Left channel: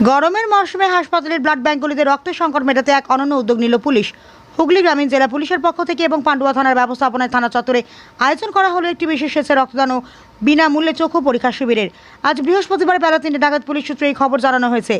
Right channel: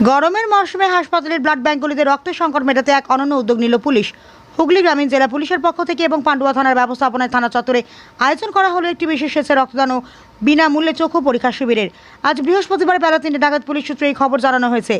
গরমের মরশুমে হাসপাতালের ব্লাড ব্যাঙ্কগুলিতে রক্তের সংকট মেটাতে এক অনন্য উদ্যোগ নিল পুলিশ। হুগলি গ্রামীণ জেলা পুলিশের পক্ষ থেকে এবং পান্ডুয়া থানার ব্যবস্থাপনায় থানা চত্বরে আয়োজন করা হলো একটি বিশেষ স্বেচ্ছা রক্তদান ও বিনামূল্যে চক্ষু পরীক্ষা শিবিরের। আজ বৃহস্পতিবার বেলা 3টে নাগাদ পুলিশ সূত্রে এই খবর জানানো হয়েছে।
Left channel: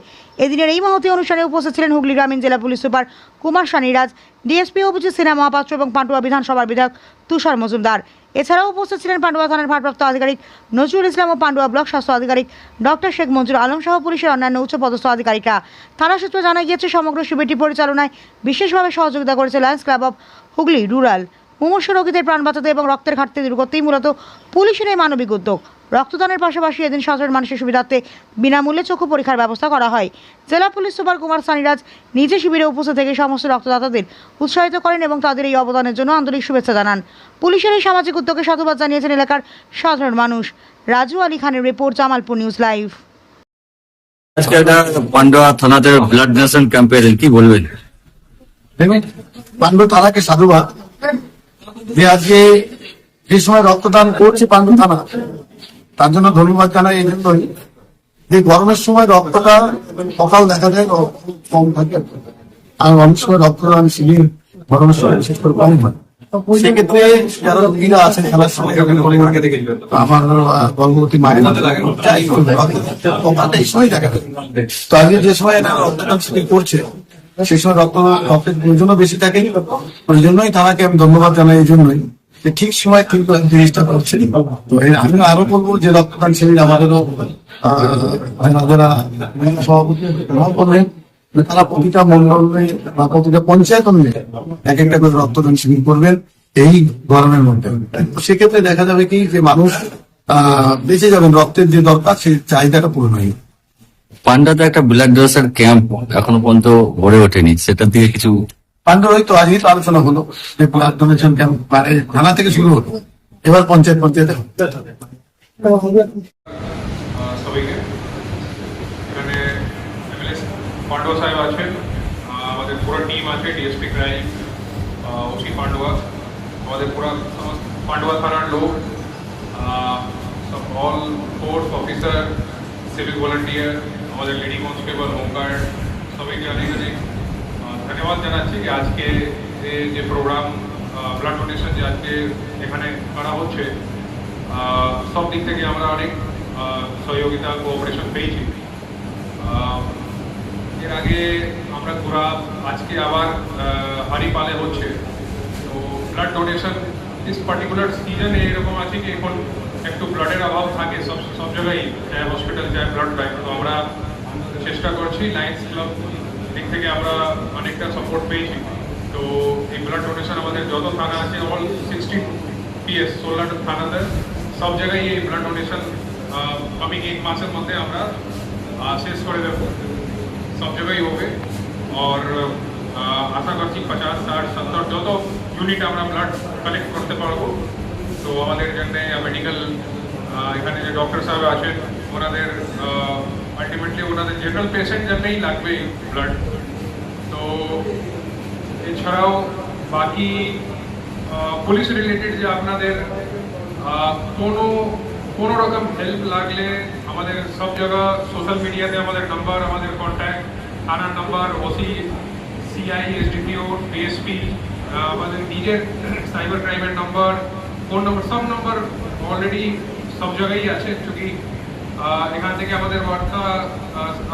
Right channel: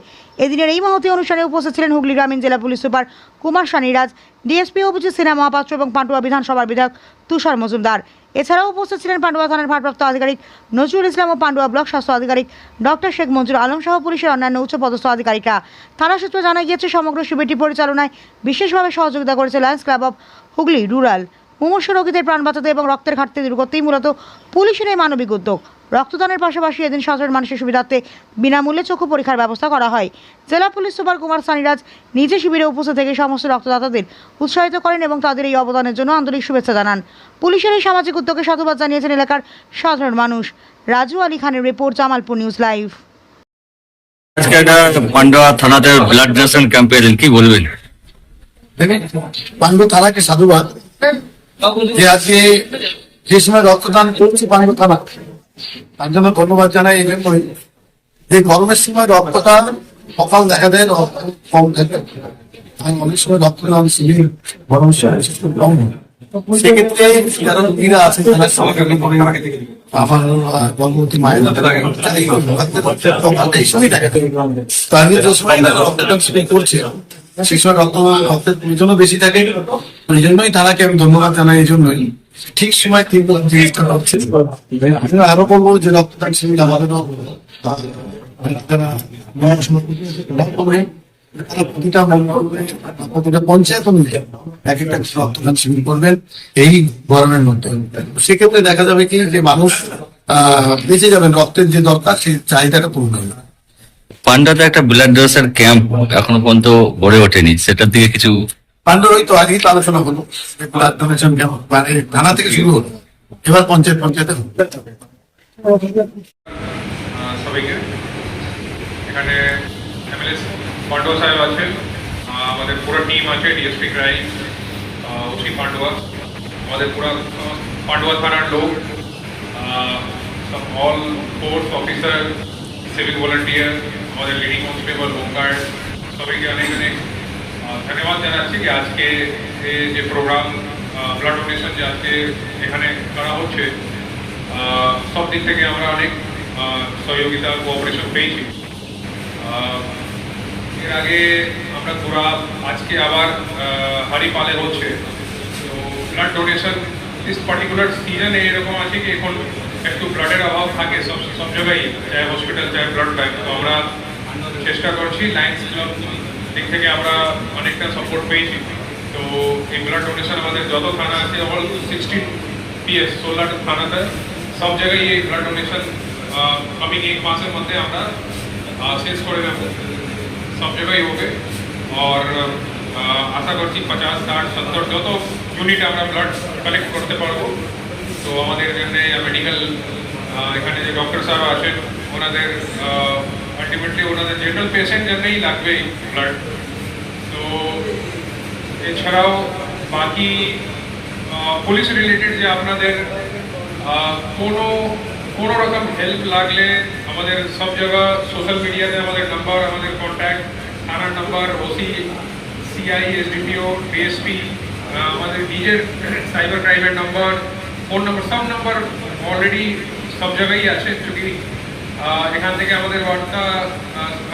এদিনের এই মহতী অনুষ্ঠানে উপস্থিত ছিলেন হুগলি গ্রামীণ জেলা police super Kumar Saniraj, DSP Abhijit Sinha Mahapatra এবং পান্ডুয়া বিধানসভার বিধায়ক তুষার মজুমদার। এছাড়াও উপস্থিত ছিলেন পান্ডুয়া থানার ভারপ্রাপ্ত আধিকারিক নজরুল ইসলাম ও পান্ডুয়া ব্লক স্বাস্থ্য আধিকারিক ডক্টর শেখ মঞ্জুর আলম সহ পুলিশের অন্যান্য উচ্চপদস্থ আধিকারিকরা। থানা সূত্রে জানা গিয়েছে, সমগ্র শিবিরটি পরিচালনায় বিশেষভাবে সহযোগিতা করেছে Lions Club of Hooghly Rural. মুমূর্ষু রোগীদের প্রাণ বাঁচাতে এবং রক্তের ঘাটতি দূর করতেই মূলত পুলিশের এই মানবিক উদ্যোগ। রক্তদানের পাশাপাশি এদিন সাধারণ মানুষের সুবিধার্থে বিনামূল্যে চক্ষু পরীক্ষার ব্যবস্থা করা হয়। জেলা পুলিশ সুপার কুমার সানিরাজ নিজে শিবিরে উপস্থিত থেকে সমস্ত রক্তদাতাদের উৎসাহিত করেন এবং তাদের এই অবদানের জন্য আন্তরিক শুভেচ্ছা জানান। পুলিশের এই সামাজিক উদ্যোগে সাধুবাদ জানিয়েছেন এলাকার সাধারণ মানুষ। রাজু আলী খানের রিপোর্ট, জামালপুর নিউজ লাইভ। আজকে একটা পান্ডুয়া থানাতে ব্লাড ডোনেশন ক্যাম্পে এলেন, কি বলবেন? পান্ডু থানাকে সাধুবাদ যে আজকে যে সময় রক্তদান করছে পান্ডু থানা, তার জন্য ধন্যবাদ জানাই। এই জন্যই যে গরমের সময় রক্তটা সকাল দেখা যায় কম থাকে, আর অনেক সময় রক্তদান শিবির গরমের সময় বিশেষ করে কম হয়। সেক্ষেত্রে যারা রোগীরা আছেন থানার সঙ্গে আমার গর্ভবতী মায়ের এই সময় দেখা যায়। তো আগে যে সময় রক্তদান শিবির করছে সেই সময় রক্তের প্রয়োজনও বেশি থাকে। ওই জন্যই তারাকে আমি ধন্যবাদ জানাই। এই জন্যই সে ঠিক সময় ঠিক জিনিসটা করছে। আমি আরো বলবো যে রক্তদান শিবির আমাদেরও যারা সভাপতি করবেন, তারা প্রতিটা মন্ডলে বা প্রতিটা পঞ্চায়েত অনুযায়ী এক একটা করে রক্তদান শিবির করবেন এই গরমের মধ্যে। সেক্ষেত্রে দেখা যাবে কি যে মানুষ বেঁচে যাবেন, রক্তের যে দরকার সেই চাহিদাটা পূরণ হবে। পান্ডাতে একটা ব্লাড ডোনেশন ক্যাম্প এখনো পর্যন্ত গড়ে ওঠেনি, সেটার দিকে কিছু পান্ডুর ওই তো আজই তো আলোচনা হলো যে ব্লাড ডোনেশন ক্যাম্প থানা থেকে শুরু হলো, এবার পঞ্চায়েতে সবাইকে এখানে পান্ডুয়া সাহেব আছেন, আমাদের পুরো টিম আছে, ডিএসপি ক্রাইম, ওসি পান্ডুয়া, আমাদের পুরো পান্ডুয়া থানার লোক, all force officer, civic volunteer, আমাদের লেডি কনস্টেবল, হোমগার্ড, সবাইকে অনেক অনেক ধন্যবাদ জানাচ্ছি যে আজকে যে প্রোগ্রাম ব্লাড ডোনেশন যে আজকে এখানে করা হচ্ছে, সব দিক থেকে আমরা অনেক সহযোগিতা কোঅপারেশন পেয়েছি। এর আগে আমরা পুরা আজকে আবার হরিপালে হচ্ছে, তো ব্লাড ডোনেশন দিস পার্টিকুলার সিজনে এরকম আছে কি এখন একটু ব্লাডের অভাব থাকে সব জায়গায়, চাই হসপিটাল চাই ব্লাড ব্যাংক। তো আমরা চেষ্টা করছি, লায়ন্স ক্লাব দিক থেকে আমরা অনেকটা সাপোর্ট পেয়েছি। তো এই ব্লাড ডোনেশন আমাদের যত থানা আছে, অল 16 PS 16 থানাতে সব জায়গায় এই ব্লাড ডোনেশন কামিং এক মাসের মধ্যে আমরা শেষ করে দেবো, সব জায়গায় হবে। আর আশা করছি 50, 60, 70 যত ইউনিট আমরা ব্লাড কালেক্ট করতে পারবো। তো আমাদের জন্য মেডিকেল এখানে যে ডক্টর সাহেব আছেন ওনাদের আলটিমেটলি ওনাদের জেনারেল পেশেন্ট জন্যই লাগবে ব্লাড। তো এছাড়াও বাকি পুলিশ রিলেটেড যে আপনাদের কোনো রকম হেল্প লাগলে আমাদের সব জায়গা সোশ্যাল মিডিয়াতে আমাদের নাম্বার, আমাদের কন্ট্যাক্ট, থানার number, OC, CI, SDPO, DSP, আমাদের নিজের সাইবার ক্রাইমের নাম্বার, ফোন নম্বর, সব নম্বর অলরেডি সব জায়গায় আছে। চুকি এখান থেকে আমাদের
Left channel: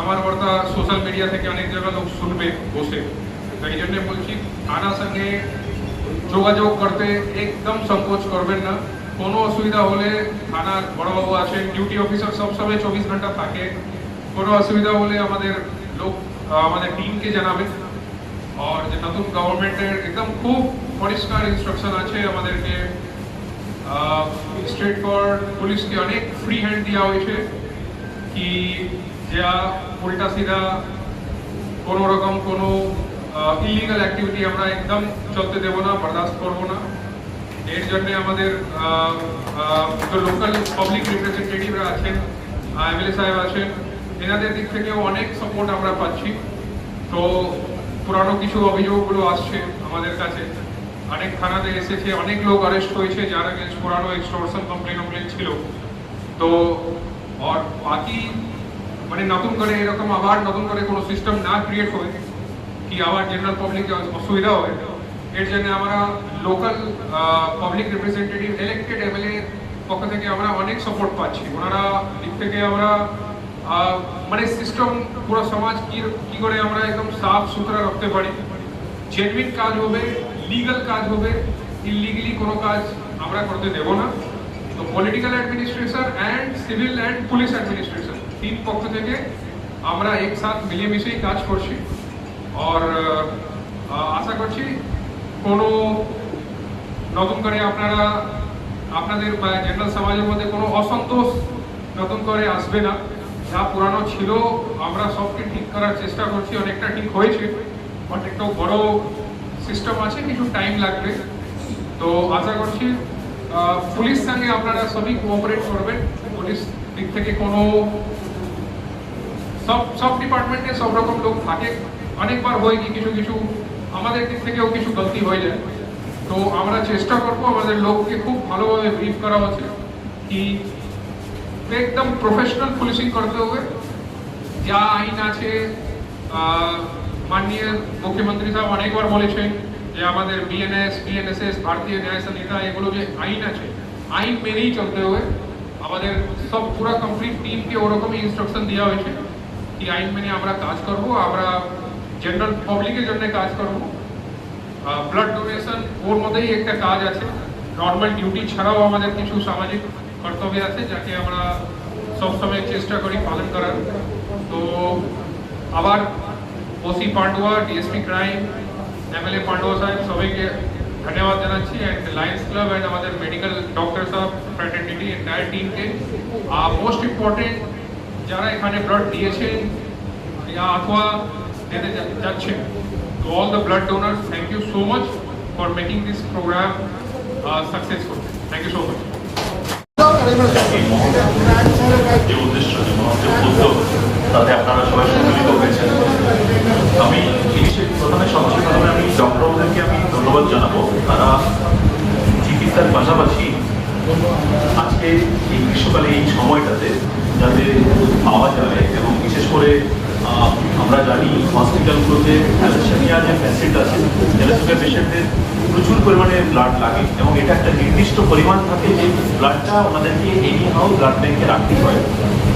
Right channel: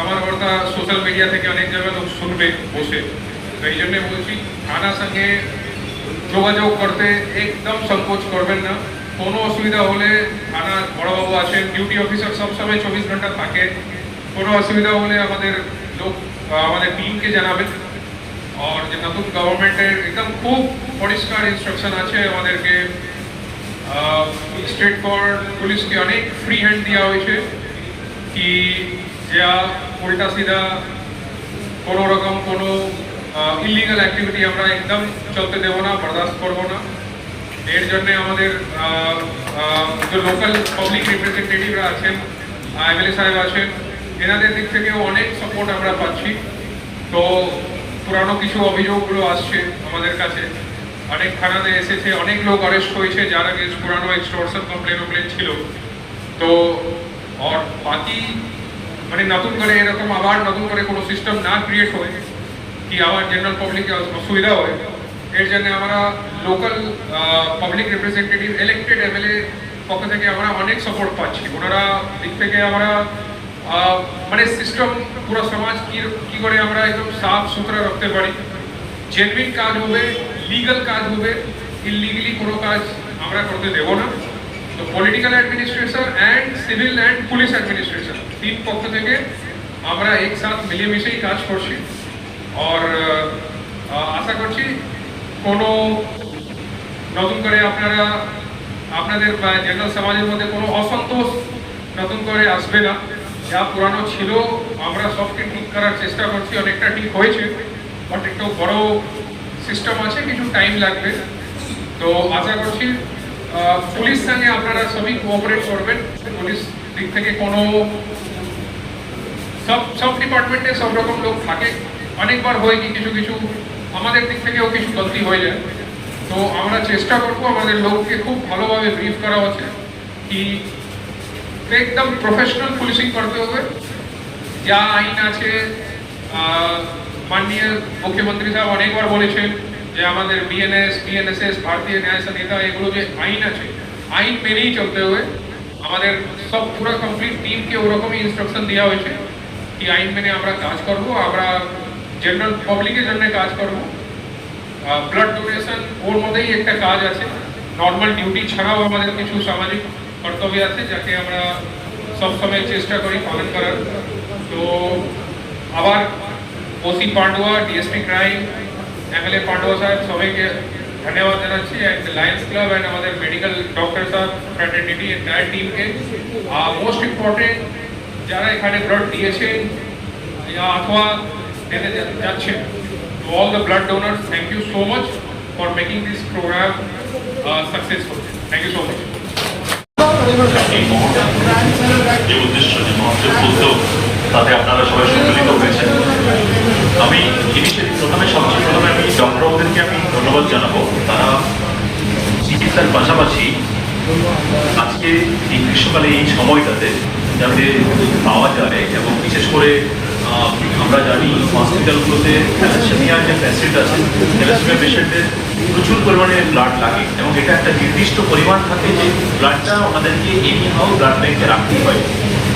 আমার বার্তা সোশ্যাল মিডিয়া থেকে অনেক জায়গায় লোক শুনবে বসে। তো এই জন্যে বলছি, থানার সঙ্গে যোগাযোগ করতে একদম সংকোচ করবেন না। কোনো অসুবিধা হলে থানার বড়বাবু আছেন, ডিউটি অফিসার সবসময় 24 ঘন্টা থাকে। কোনো অসুবিধা হলে আমাদের লোক আমাদের টিমকে জানাবেন। আর যে নতুন গভর্নমেন্টের একদম খুব পরিষ্কার ইনস্ট্রাকশন আছে আমাদেরকে, স্টেট কোর্ট পুলিশকে অনেক ফ্রি হ্যান্ড দেওয়া হয়েছে কি যা উল্টা সিধা কোনো রকম কোনো ইলিগাল অ্যাক্টিভিটি আমরা একদম চলতে দেবো না, বরদাস্ত করবো না। এর জন্য আমাদের লোকাল পাবলিক রিপ্রেজেন্টেটিভরা আছেন, এমএলএ সাহেব আছেন, এনাদের দিক থেকেও অনেক সাপোর্ট আমরা পাচ্ছি। তো পুরানো কিছু অভিযোগগুলো আসছে আমাদের কাছে, অনেক থানাতে এসেছে, অনেক লোক অ্যারেস্ট হয়েছে যার আগে পুরানো এক্সটর্শন কমপ্লেন ছিল। তো আর বাকি মানে নতুন করে এরকম আবার নতুন করে কোনো সিস্টেম না ক্রিয়েট হয় কি আবার জেনারেল পাবলিকের অসুবিধা হয়, এর জন্য আমরা local public representative elected MLA পক্ষ থেকে আমরা অনেক সাপোর্ট পাচ্ছি। ওনারা দিক থেকে আমরা মানে সিস্টেম পুরো সমাজ কি করে আমরা একদম সাফ সুতরা রাখতে পারি, জেনুইন কাজ হবে, লিগাল কাজ হবে, ইলিগালি কোনো কাজ আমরা করতে দেব না। তো political administration and civil and police administration তিন পক্ষ থেকে আমরা একসাথে মিলেমিশেই কাজ করছি। আর আশা করছি কোনো নতুন করে আপনাদের জেনারেল সমাজের মধ্যে কোনো অসন্তোষ নতুন করে আসবে না। যা পুরানো ছিল আমরা সবকে ঠিক করার চেষ্টা করছি, অনেকটা ঠিক হয়েছে, বাট একটু বড় সিস্টেম আছে, কিছু টাইম লাগবে। তো আশা করছি পুলিশ সঙ্গে আপনারা সবই কোঅপারেট করবেন। পুলিশ দিক থেকে কোনো সব ডিপার্টমেন্টে সব রকম লোক থাকে, অনেকবার হয় কি কিছু আমাদের দিক থেকেও কিছু গলতি হয়ে যায়। তো আমরা চেষ্টা করবো আমাদের লোককে খুব ভালোভাবে ব্রিফ করা হচ্ছে কি একদম প্রফেশনাল পুলিশিং করতে হবে। যা আইন আছে, মাননীয় মুখ্যমন্ত্রী সাহেব অনেকবার বলেছেন যে আমাদের বিএনএস, বিএনএসএস, ভারতীয় ন্যায় সংহিতা, এগুলো যে আইন আছে আইন মেনেই চলতে হবে। আমাদের সব পুরো কমপ্লিট টিমকে ওরকমই ইনস্ট্রাকশন দেওয়া হয়েছে কি আইন মেনে আমরা কাজ করব, আমরা জেনারেল পাবলিকের জন্য কাজ করব। ব্লাড ডোনেশন ওর মধ্যেই একটা কাজ আছে, নর্মাল ডিউটি ছাড়াও আমাদের কিছু সামাজিক কর্তব্য আছে যাকে আমরা সবসময় চেষ্টা করি পালন করার। তো আবার OC Pandua, DSP crime, MLA Pandua সাহেব সবাইকে ধন্যবাদ জানাচ্ছি, অ্যান্ড লায়ন্স ক্লাব অ্যান্ড আমাদের মেডিকেল ডক্টর সাহেব ফ্র্যাটার্নিটি এন্টায়ার টিমকে। মোস্ট ইম্পর্টেন্ট যারা এখানে ব্লাড দিয়েছেন অথবা দিতে যাচ্ছেন, to all the blood donors, thank you so much for making this program successful. Thank you so much. এই মুহূর্তে যে উদ্দেশ্য, যে মহত্বের উদ্যোগ, তাতে আপনারা সবাই সম্মিলিত হয়েছেন। আমি সবচেয়ে প্রথমে আমি ডক্টরদেরকে আমি ধন্যবাদ জানাবো। তারা চিকিৎসার পাশাপাশি আজকে এই গ্রীষ্মকালে এই সময়টাতে যাতে পাওয়া যায়, এবং বিশেষ করে আমরা জানি হসপিটালগুলোতে থ্যালাসেমিয়া যে পেশেন্ট আছে, থ্যালাসেমিয়া পেশেন্টের প্রচুর পরিমাণে ব্লাড লাগে, এবং এটা একটা নির্দিষ্ট পরিমাণ থাকে যে ব্লাডটা ওনাদেরকে এনিহাও ব্লাড ব্যাংকে রাখতেই হয়।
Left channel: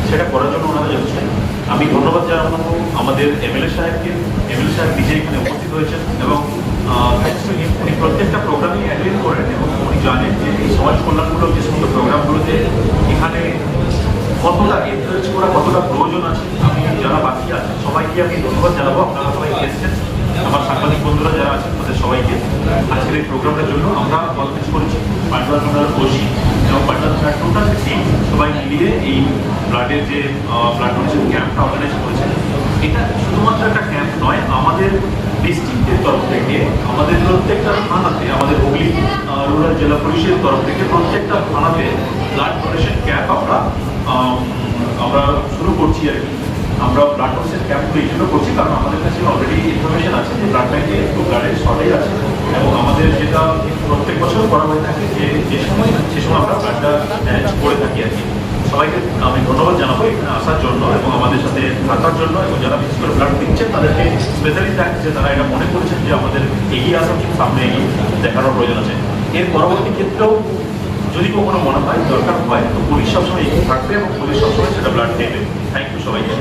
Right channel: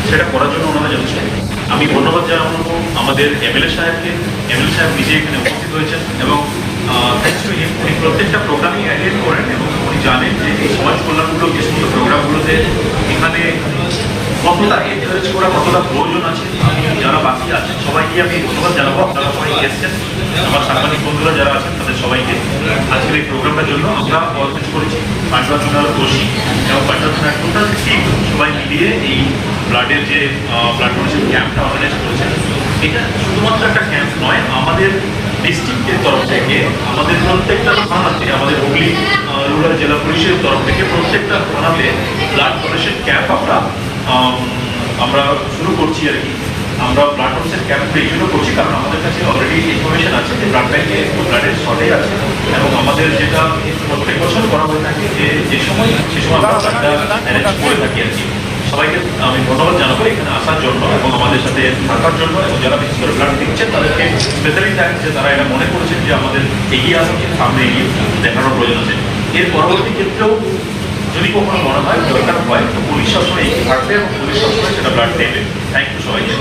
সেটা করার জন্য ওনারা যথেষ্ট। আমি ধন্যবাদ জানাবো আমাদের এমএলএ সাহেবকে। এমএলএ সাহেব নিজে এখানে উপস্থিত হয়েছেন, এবং উনি প্রত্যেকটা প্রোগ্রামই অ্যাটেন্ড করেন, এবং উনি জানেন যে এই সমাজ কল্যাণমূলক যে সমস্ত প্রোগ্রামগুলোতে এখানে কতটা এনকারেজ করা, কতটা প্রয়োজন আছে। যারা বাকি আছেন সবাইকে আমি ধন্যবাদ জানাবো। আপনারা সবাই এসেছেন, আমার সাংবাদিক বন্ধুরা যারা আছেন তাদের সবাইকে। আজকের এই প্রোগ্রামটার জন্য আমরা অর্গানাইজ করেছি পান্ডুয়া থানার ওসি এবং পান্ডুয়া থানার টোটাল টিম সবাই মিলিয়ে এই ব্লাডের যে ব্লাড ডোনেশন ক্যাম্পটা অর্গানাইজ করেছেন। এটা শুধুমাত্র একটা ক্যাম্প নয়, আমাদের ডিস্ট্রিক্টের তরফ থেকে আমাদের প্রত্যেকটা থানাতে, আমাদের হুগলি রুরাল জেলা পুলিশের তরফ থেকে প্রত্যেকটা থানাতে ব্লাড ডোনেশন ক্যাম্প আমরা শুরু করছি আর কি। আমরা ব্লাড ডোনেশন ক্যাম্প এই জন্য করছি কারণ আমাদের কাছে অলরেডি ইনফরমেশন আছে যে ব্লাড ব্যাংকে একটু ব্লাডের শর্টেজ আছে, এবং আমাদের যেটা প্রত্যেক বছর করা হয়ে থাকে যে সময় সে সময় আমরা ব্লাডটা ম্যানেজ করে থাকি আর কি। সবাইকে আমি ধন্যবাদ জানাবো এখানে আসার জন্য এবং আমাদের সাথে থাকার জন্য, এবং যারা বিশেষ করে ব্লাড দিচ্ছেন তাদেরকে স্পেশালি থ্যাঙ্কস যে তারা এটা মনে করছেন যে আমাদের এগিয়ে আসা কিন্তু সামনে এগিয়ে দেখানোর প্রয়োজন আছে। এর পরবর্তী ক্ষেত্রেও যদি কখনো মনে হয় দরকার হয় তো পুলিশ সবসময় এগিয়ে থাকবে, এবং পুলিশ সবসময় সেটা ব্লাড দেবে। থ্যাংক ইউ সবাইকে।